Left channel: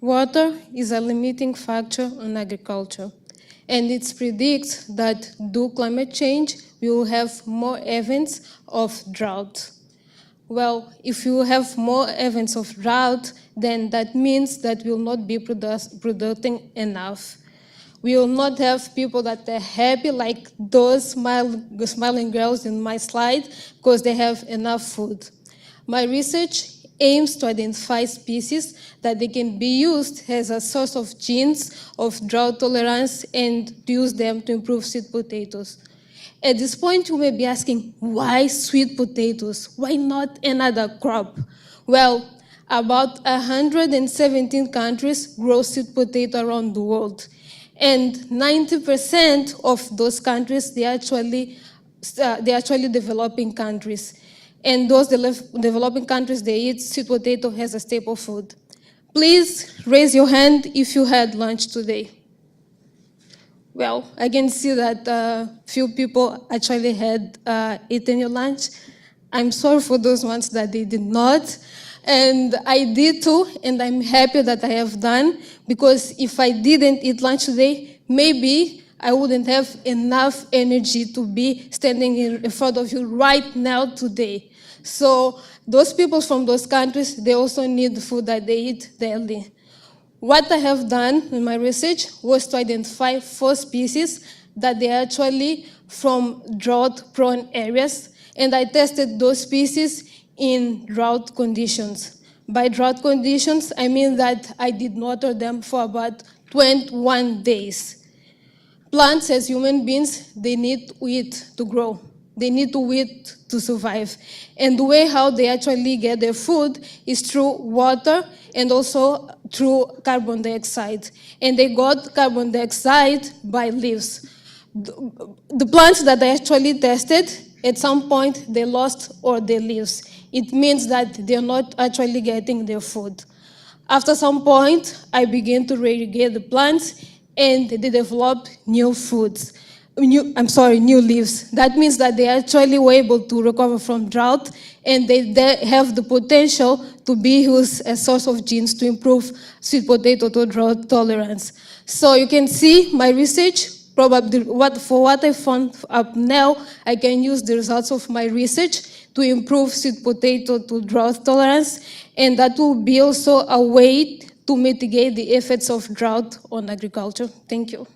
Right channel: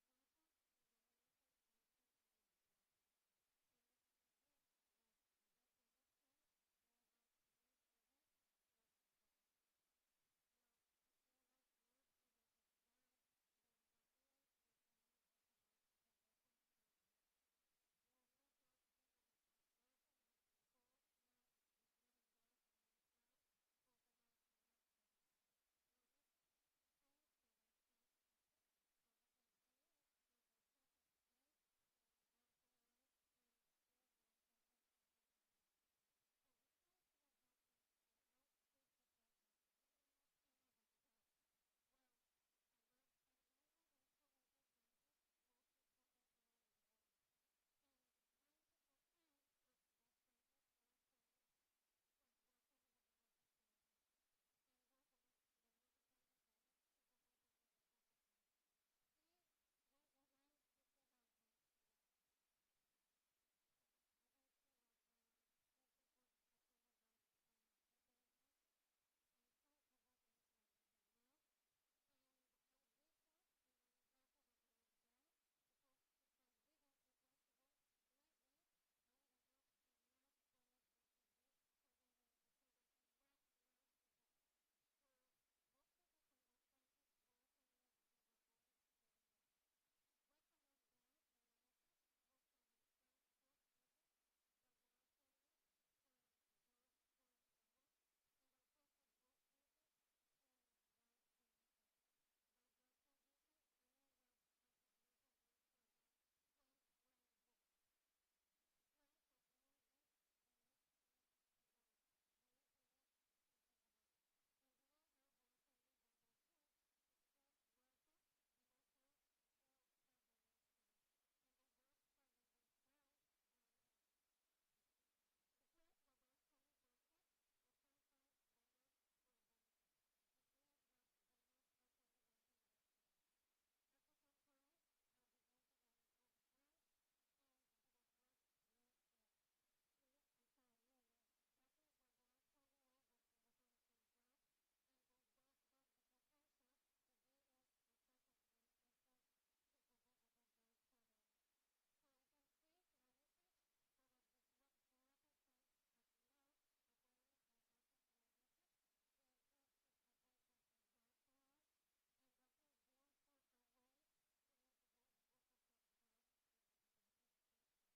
Water is a limiting factor on agriculture, and it predicts that due to climate change, we will have more events of drought. Well, if you have more events of drought, then that means that we will not be producing enough. We will not have people that are happy, like those smiling girls in my slide, because they have enough food. My research aims to identify species that they can be used as a source of genes of drought tolerance and to use them to improve sweet potatoes. At this point, you may be asking, why sweet potatoes? Why not another crop? Well, about 117 countries grow sweet potato around the world. And 90% of those countries, they're actually developing countries. And those developing countries, they eat sweet potato as a staple food. Please raise your hand if you had lunch today. Well, I can see that few people actually had eaten your lunch. I'm sorry for those ones that they did not. And I did too, and I'm happy that I have done, because if I didn't eat lunch today, maybe I wouldn't have enough energy to be standing in front of you right now today. So those people from those countries, they also need the food that they eat daily. What I have done in my research was to identify 4 species that they are actually from drought-prone areas, and I tested those species in drought conditions. By drought conditions, I mean that I did water them for about 21 days. Plants, as human beings, they need to eat to grow. They need to eat to survive. And the way how they actually get their food is through water and also through carbon dioxide. And they got carbon dioxide by leaves. The plants that I actually tested, at some point, they lost all their leaves. It means that they're not actually getting their food. After some point, I began to irrigate the plants, and they developed new foods. New leaves. That means that they actually were able to recover from drought, and they have the potential to be used as a source of genes to improve sweet potato to drought tolerance. So you can see my research, probably for what I found up now, I can use the results of my research to improve sweet potato to drought tolerance, and that will be also a way to mitigate the effects of drought on agriculture. Thank you.